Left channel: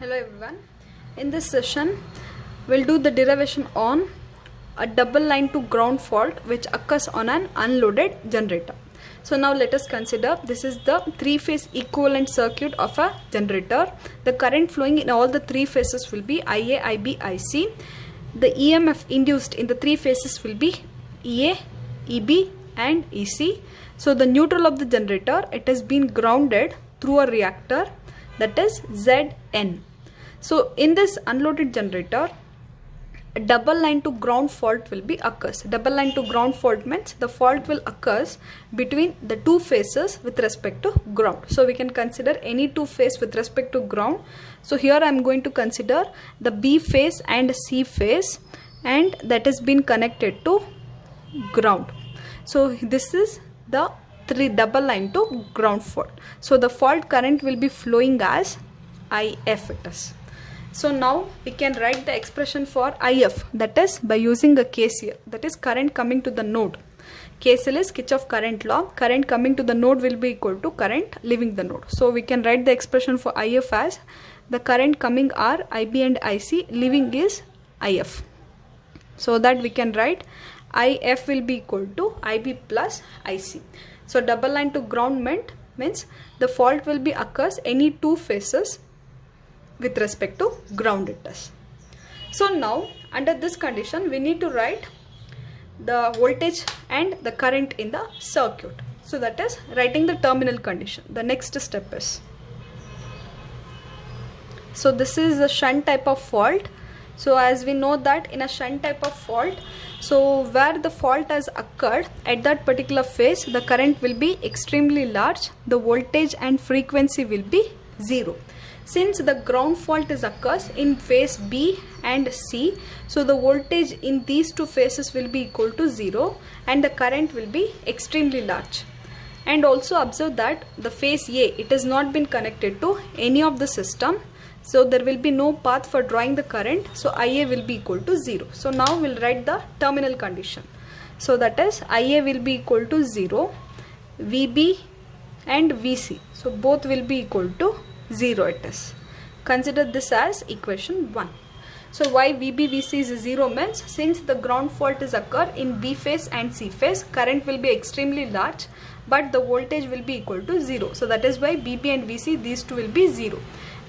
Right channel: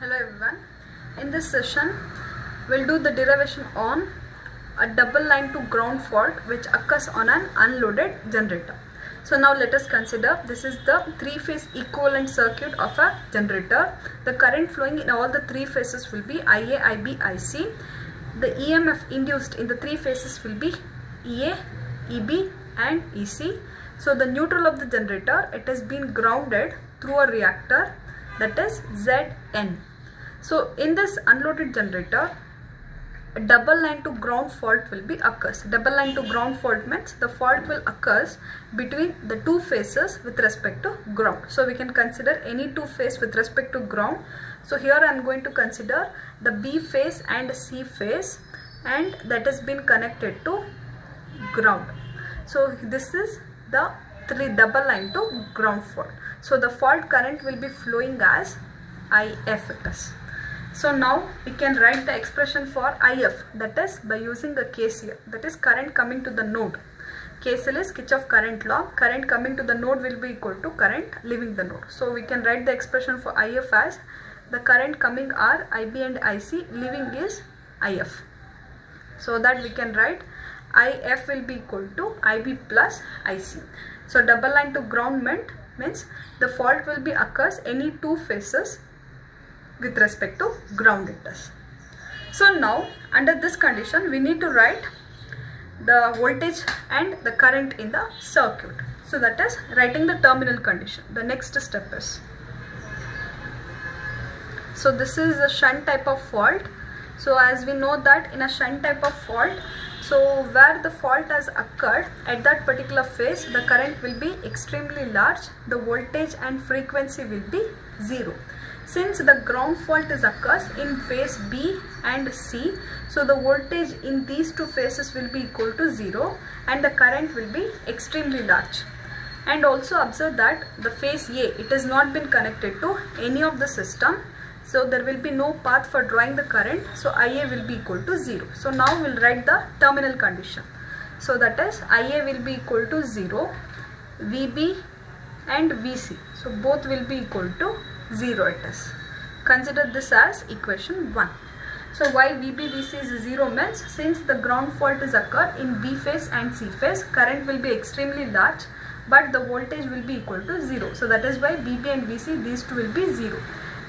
Hello everyone. In this session, we'll do the derivation on a double line to ground fault which occurs on an unloaded generator. So now let us consider this is the three-phase equivalent circuit of a generator. The current flowing in all the three phases will be IA, IB, IC. The EMF induced in the three phases will be EA, EB and EC. So the neutral of the generator, it has been grounded through a reactor, that is Zn. So in this unloaded generator, a double line to ground fault will be occurs. Double line to ground fault means the fault will occurs between the two phases with respect to ground. So we can consider any two phase with respect to ground. So here I am going to consider the B phase and C phase, and that has been connected to ground. So this is the double line to ground fault. So the fault current will be flowing as IF it is. So now we can write the expression for IF, that is by using a KCL, that is current coming to the node. KCL is Kirchhoff current law. Current coming to the node will be equal to current leaving the node. So we can write the expression for IF as the current coming are IB and IC, leaving is IF. So that we can write IF will be equal to IB plus IC. So double line to ground means the fault will be occurs any two phases with respect to ground it is. So now under this condition we need to write the voltage and the current in the circuit. So that is writing the terminal condition. The next step is, so this is a shunt type of fault. So as we know that in a shunt type of fault, so where the fault has occurred at that particular phase, the current will be extremely large, the voltage and frequency will be 0. Since the ground fault is occurs in phase B and C, so the voltage in these two phases will be equal to 0 and the current will be extremely large. And also observe that the phase A, it has not been connected to any of the system. So there will be no path for drawing the current. So IA will be equal to 0. So now we'll write the terminal condition. So that is IA will be equal to 0, VB and VC. So both will be equal to 0 it is. Consider this as equation 1. So why VB VC is 0 means since the ground fault is occur in B phase and C phase, current will be extremely large but the voltage will be equal to 0. So that is why BB and VC, these two will be 0.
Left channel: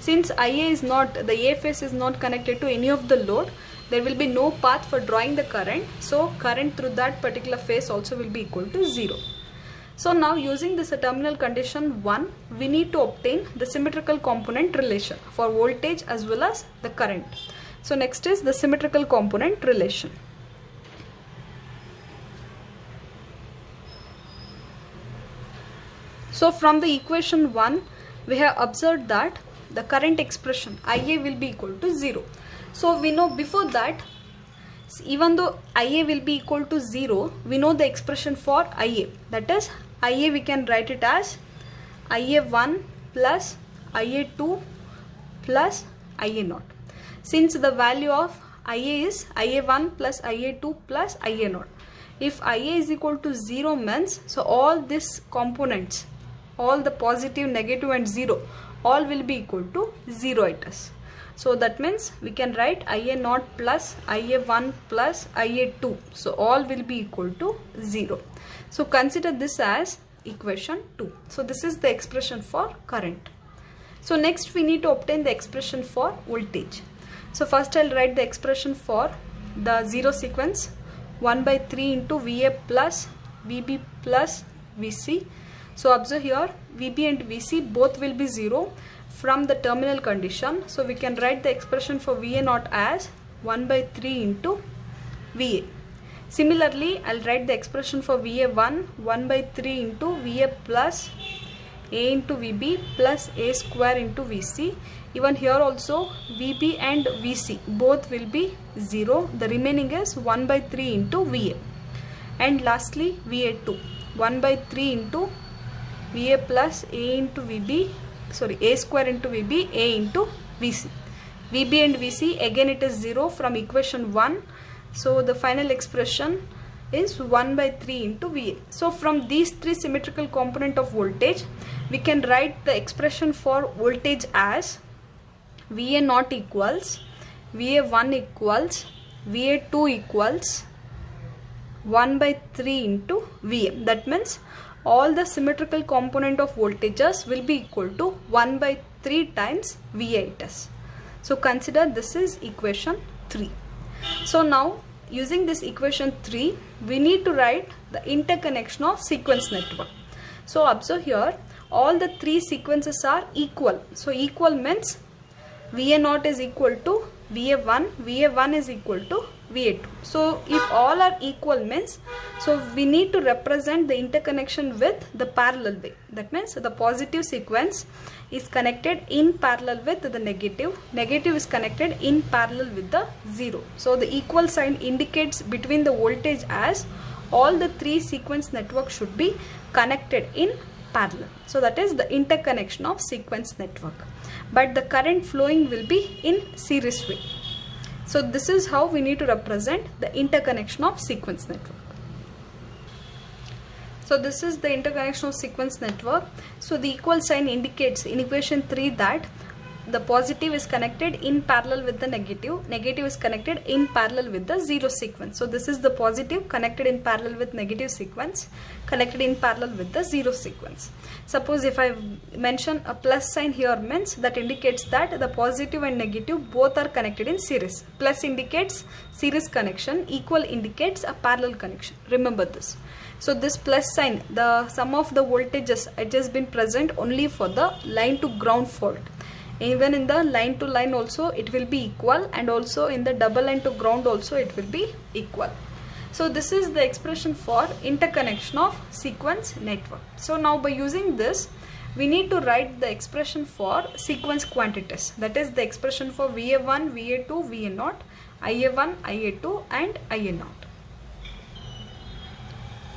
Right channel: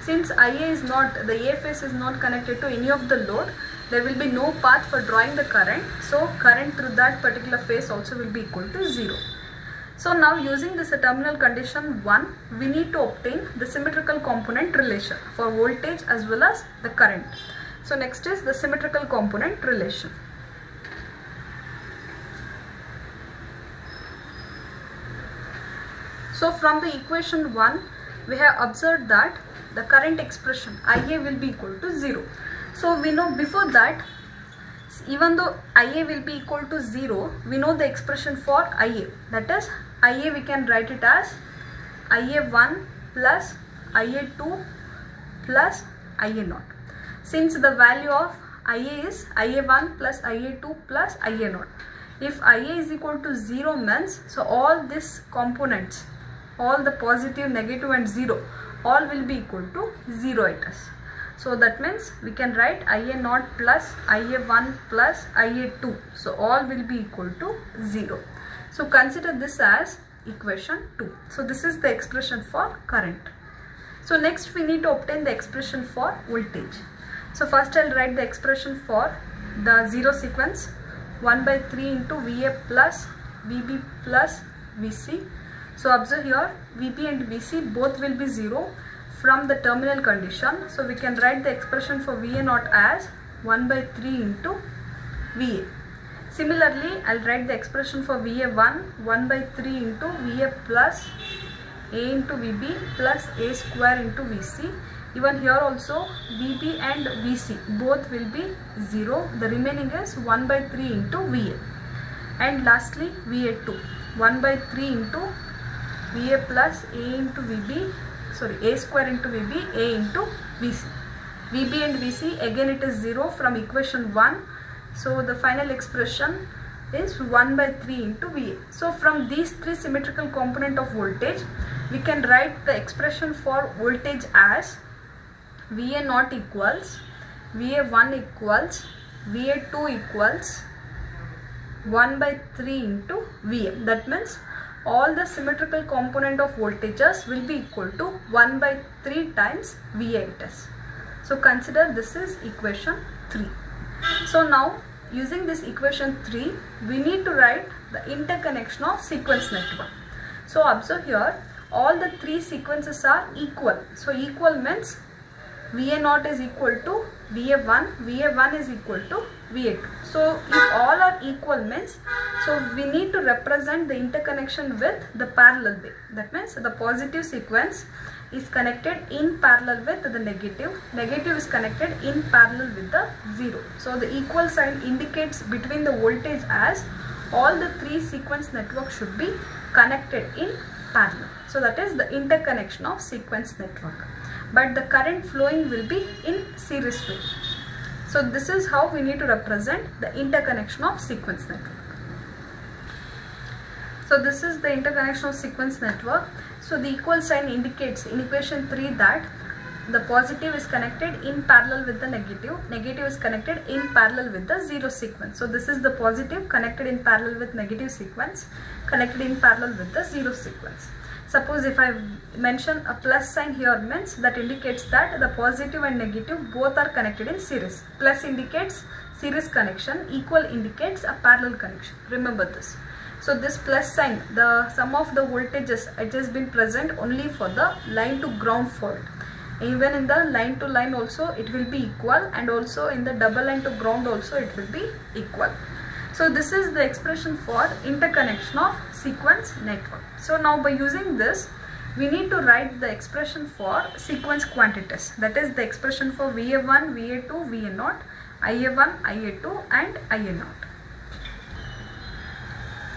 Since IA is not, the A phase is not connected to any of the load, there will be no path for drawing the current. So current through that particular phase also will be equal to 0. So now using this terminal condition 1, we need to obtain the symmetrical component relation for voltage as well as the current. So next is the symmetrical component relation. So from the equation 1, we have observed that the current expression IA will be equal to 0. So we know before that, even though IA will be equal to 0, we know the expression for IA. That is, IA we can write it as IA1 plus IA2 plus IA0. Since the value of IA is IA1 plus IA2 plus IA0. If IA is equal to 0 means, so all these components, all the positive, negative and 0, all will be equal to 0 it is. So that means we can write IA0 plus IA1 plus IA2. So all will be equal to 0. So consider this as equation 2. So this is the expression for current. So next we need to obtain the expression for voltage. So first I'll write the expression for the 0 sequence, 1 by 3 into VA plus VB plus VC. So observe here VB and VC both will be 0 from the terminal condition. So we can write the expression for VA0 as 1 by 3 into VA. Similarly, I'll write the expression for VA1 1 by 3 into VA plus A into VB plus A square into VC. Even here also VB and VC both will be 0. The remaining is 1 by 3 into VA. And lastly VA2 1 by 3 into VA plus A into VB, sorry, A square into VB, A into VC. VB and VC again it is 0 from equation 1. So the final expression is 1 by 3 into VA. So from these three symmetrical component of voltage, we can write the expression for voltage as VA naught equals VA1 equals VA2 equals 1 by 3 into VM. That means all the symmetrical component of voltages will be equal to 1 by 3 times VA it is. So consider this is equation 3. So now using this equation 3, we need to write the interconnection of sequence network. So observe here, all the 3 sequences are equal. So equal means VA0 is equal to VA1, VA1 is equal to VA2. So if all are equal means, so we need to represent the interconnection with the parallel way. That means the positive sequence is connected in parallel with the negative. Negative is connected in parallel with the 0. So the equal sign indicates between the voltage as all the 3 sequence network should be connected in parallel. So that is the interconnection of sequence network. But the current flowing will be in series way. So this is how we need to represent the interconnection of sequence network. So this is the interconnection of sequence network. So the equal sign indicates in equation 3 that the positive is connected in parallel with the negative. Negative is connected in parallel with the 0 sequence. So this is the positive connected in parallel with negative sequence, connected in parallel with the 0 sequence. Suppose if I mention a plus sign here means that indicates that the positive and negative both are connected in series. Plus indicates series connection, equal indicates a parallel connection. Remember this. So this plus sign, the sum of the voltages, it has been present only for the line to ground fault. Even in the line to line also it will be equal, and also in the double line to ground also it will be equal. So this is the expression for interconnection of sequence network. So now by using this, we need to write the expression for sequence quantities. That is the expression for VA1, VA2, VA0, IA1, IA2 and IA0.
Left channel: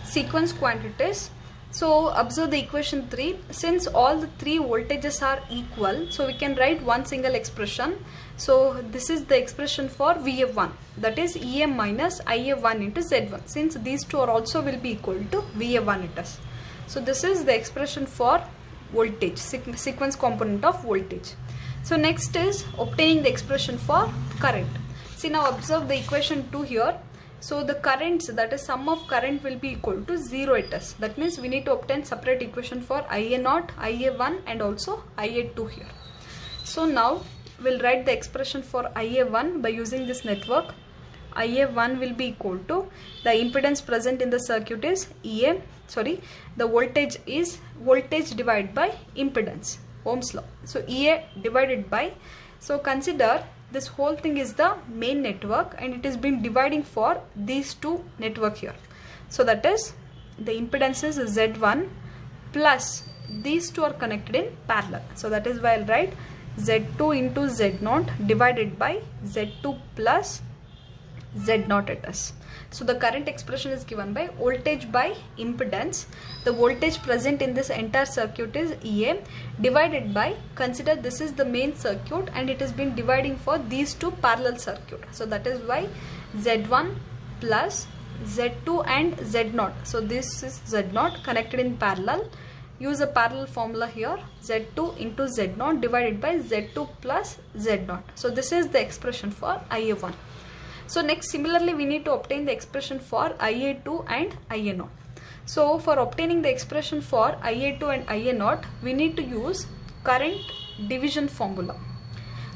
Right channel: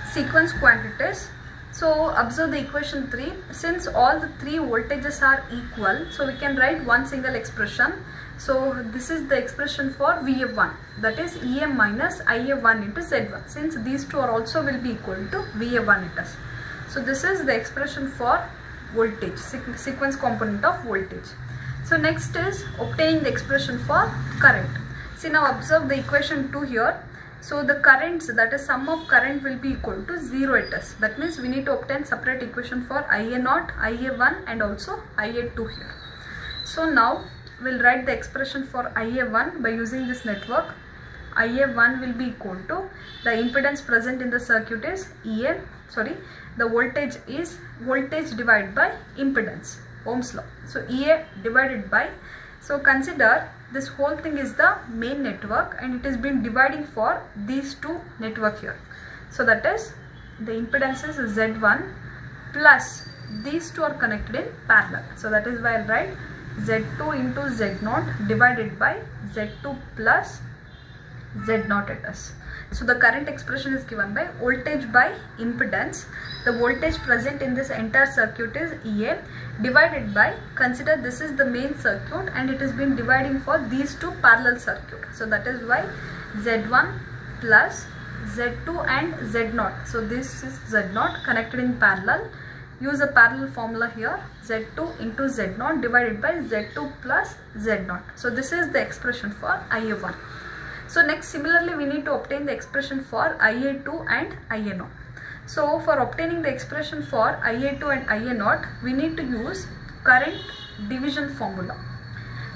Sequence quantities. So observe the equation 3. Since all the 3 voltages are equal, so we can write one single expression. So this is the expression for VA1, that is EM minus IA1 into Z1. Since these two are also will be equal to VA1 it is. So this is the expression for voltage, sequence component of voltage. So next is obtaining the expression for current. See, now observe the equation 2 here. So the currents, that is sum of current, will be equal to 0 it is. That means we need to obtain separate equation for IA0, IA1 and also IA2 here. So now we'll write the expression for IA1 by using this network. IA1 will be equal to the impedance present in the circuit is the voltage is voltage divided by impedance, Ohm's law. So EA divided by, so consider this whole thing is the main network and it has been dividing for these two network here. So that is the impedance is Z1 plus these two are connected in parallel. So that is why I'll write Z2 into Z0 divided by Z2 plus Z0 it is. So the current expression is given by voltage by impedance. The voltage present in this entire circuit is EA divided by, consider this is the main circuit and it has been dividing for these two parallel circuit. So that is why Z1 plus Z2 and Z0. So this is Z0 connected in parallel. Use a parallel formula here, Z2 into Z0 divided by Z2 plus Z0. So this is the expression for IA1. So next, similarly we need to obtain the expression for IA2 and IA0. So for obtaining the expression for IA2 and IA0, we need to use current division formula.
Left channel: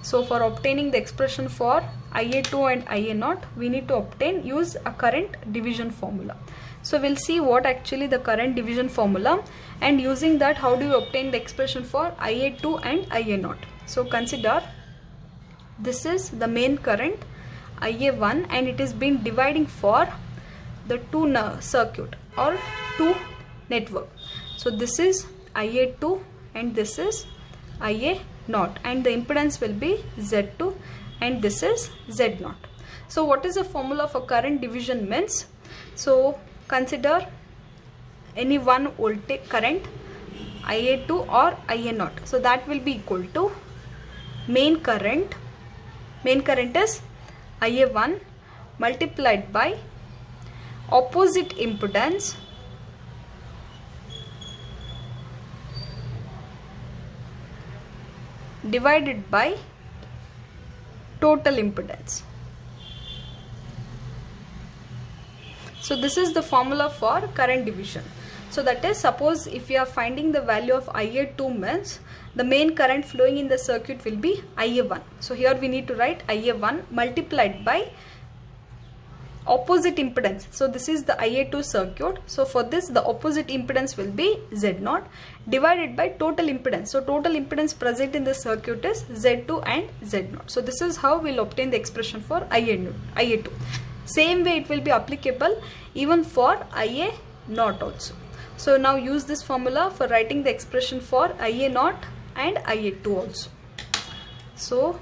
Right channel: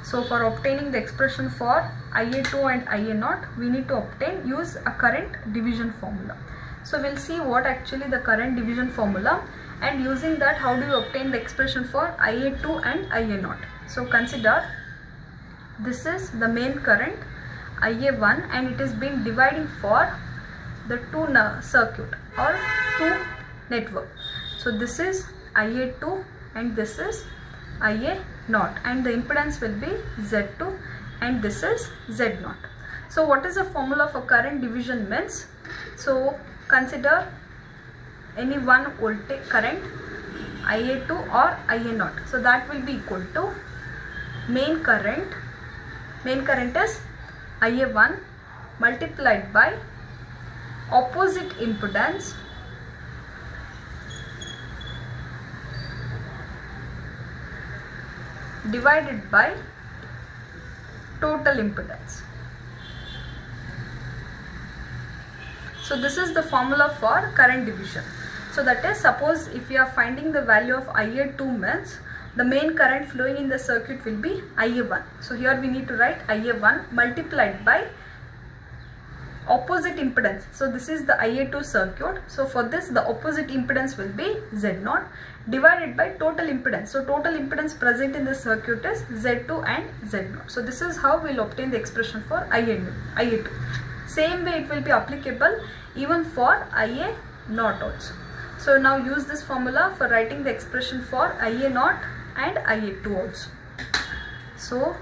So for obtaining the expression for IA2 and IA0, we need to use a current division formula. So we'll see what actually the current division formula, and using that how do you obtain the expression for IA2 and IA0. So consider this is the main current IA1 and it is being dividing for the two circuit or two network. So this is IA2 and this is IA0 and the impedance will be Z2 and this is Z0. So what is the formula for current division means? So consider any one voltage current IA2 or IA0. So that will be equal to main current is IA1 multiplied by opposite impedance divided by total impedance. So this is the formula for current division. So that is, suppose if you are finding the value of Ia2 means the main current flowing in the circuit will be Ia1. So here we need to write Ia1 multiplied by opposite impedance. So this is the Ia2 circuit. So for this the opposite impedance will be Z0 divided by total impedance. So total impedance present in the circuit is Z2 and Z0. So this is how we will obtain the expression for Ia2. Same way it will be applicable even for Ia0 also. So now use this formula for writing the expression for Ia0 and Ia2 also. So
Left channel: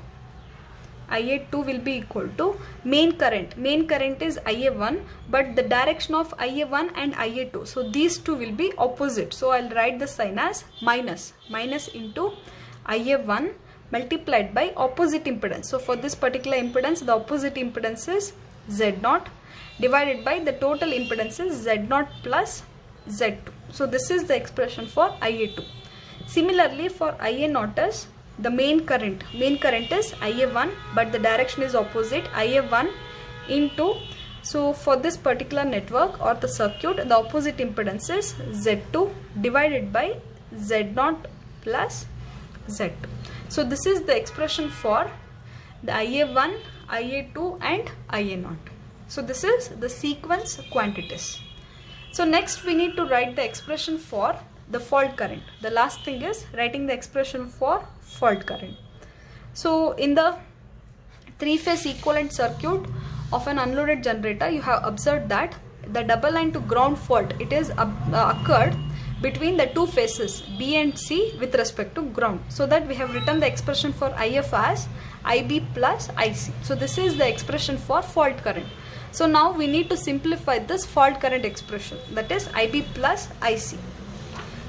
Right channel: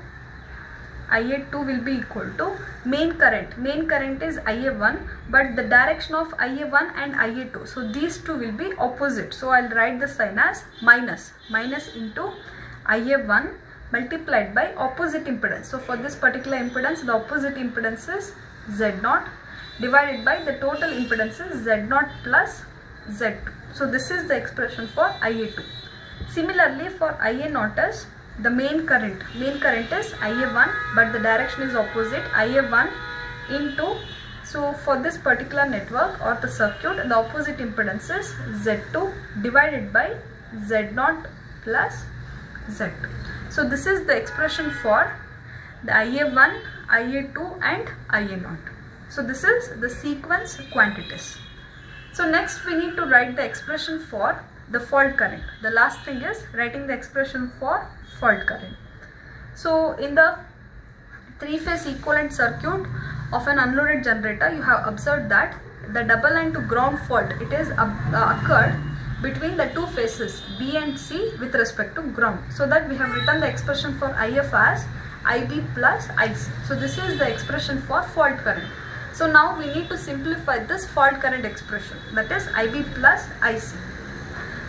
Ia2 will be equal to main current. Main current is Ia1, but the direction of Ia1 and Ia2, so these two will be opposite. So I'll write the sign as minus into Ia1 multiplied by opposite impedance. So for this particular impedance, the opposite impedance is Z0 divided by the total impedance is Z0 plus Z2. So this is the expression for Ia2. Similarly for Ia0 is the main current is Ia1, but the direction is opposite, Ia1 into, so for this particular network or the circuit, the opposite impedance is Z2 divided by Z0 plus Z2. So this is the expression for the Ia1, Ia2 and Ia0. So this is the sequence quantities. So next we need to write the expression for the fault current. The last thing is writing the expression for fault current. So in the three-phase equivalent circuit of an unloaded generator, you have observed that the double line to ground fault, it is occurred between the two phases B and C with respect to ground. So that we have written the expression for IF as IB plus IC. So this is the expression for fault current. So now we need to simplify this fault current expression, that is IB plus IC.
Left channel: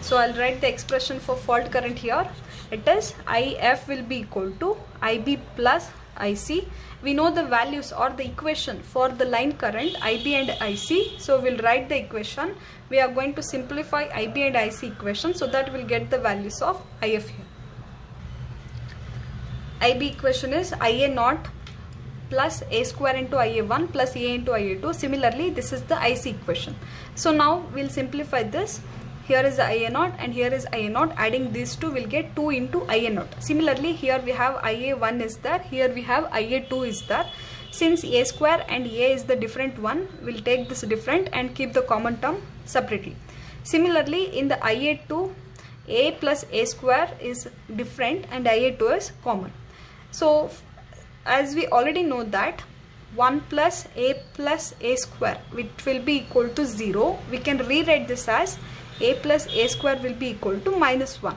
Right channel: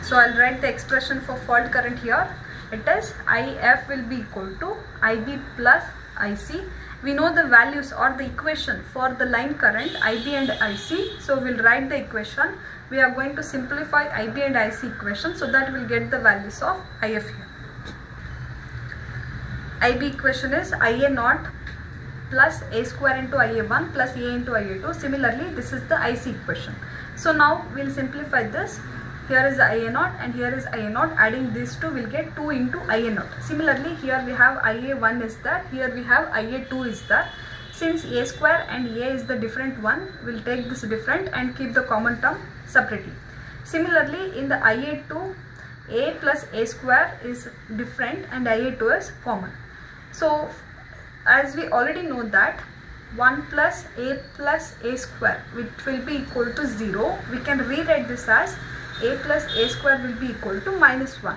So I'll write the expression for fault current here. It is IF will be equal to IB plus IC. We know the values or the equation for the line current IB and IC. So we'll write the equation. We are going to simplify IB and IC equation so that we'll get the values of IF here. IB equation is Ia0 plus A square into Ia1 plus A into Ia2. Similarly, this is the IC equation. So now we'll simplify this. Here is Ia0 and here is Ia0. Adding these two will get 2 into Ia0. Similarly, here we have Ia1 is there. Here we have Ia2 is there. Since A square and A is the different one, we'll take this different and keep the common term separately. Similarly, in the Ia2, A plus A square is different and Ia2 is common. So as we already know that 1 plus A square, which will be equal to 0, we can rewrite this as A plus A square will be equal to minus 1.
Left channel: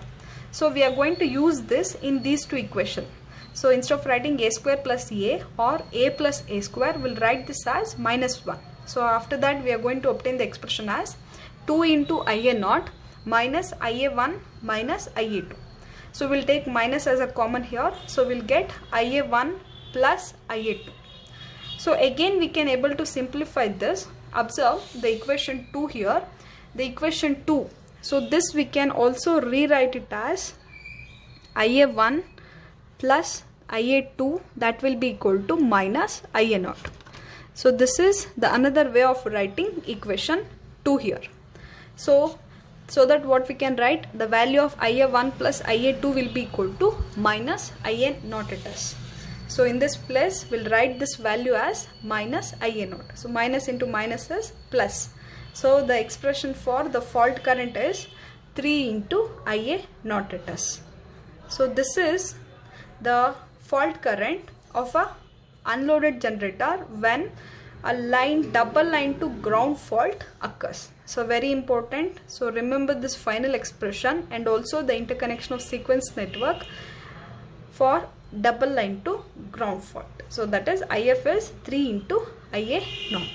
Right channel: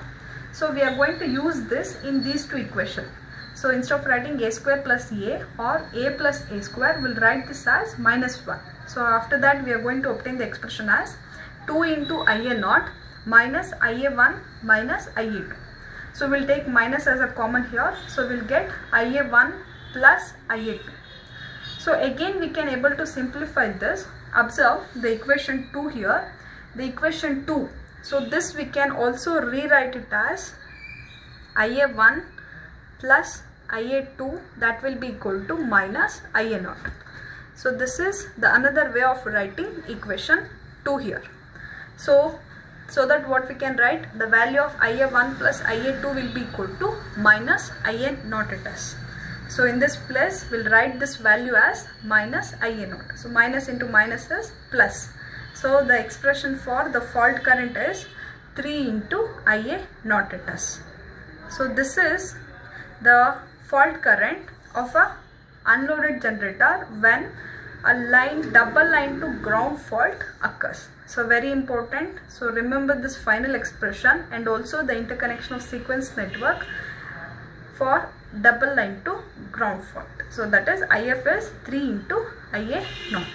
So we are going to use this in these two equations. So instead of writing A square plus A or A plus A square, we'll write this as minus 1. So after that we are going to obtain the expression as 2 into Ia0 minus Ia1 minus Ia2. So we'll take minus as a common here. So we'll get Ia1 plus Ia2. So again we can able to simplify this. Observe the equation 2 here. The equation 2. So this we can also rewrite it as Ia1 plus Ia2, that will be equal to minus Ia0. So this is the another way of writing equation 2 here. So that what we can write, the value of Ia1 plus Ia2 will be equal to minus Ia0 it is. So in this place we'll write this value as minus Ia0. So minus into minus is plus. So the expression for the fault current is 3 into Ia0 it is. So this is the fault current of a unloaded generator when a double line to ground fault occurs. So very important. So remember this final expression and also the interconnection of sequence network for double line to ground fault. So that is IF is 3 into Ia0.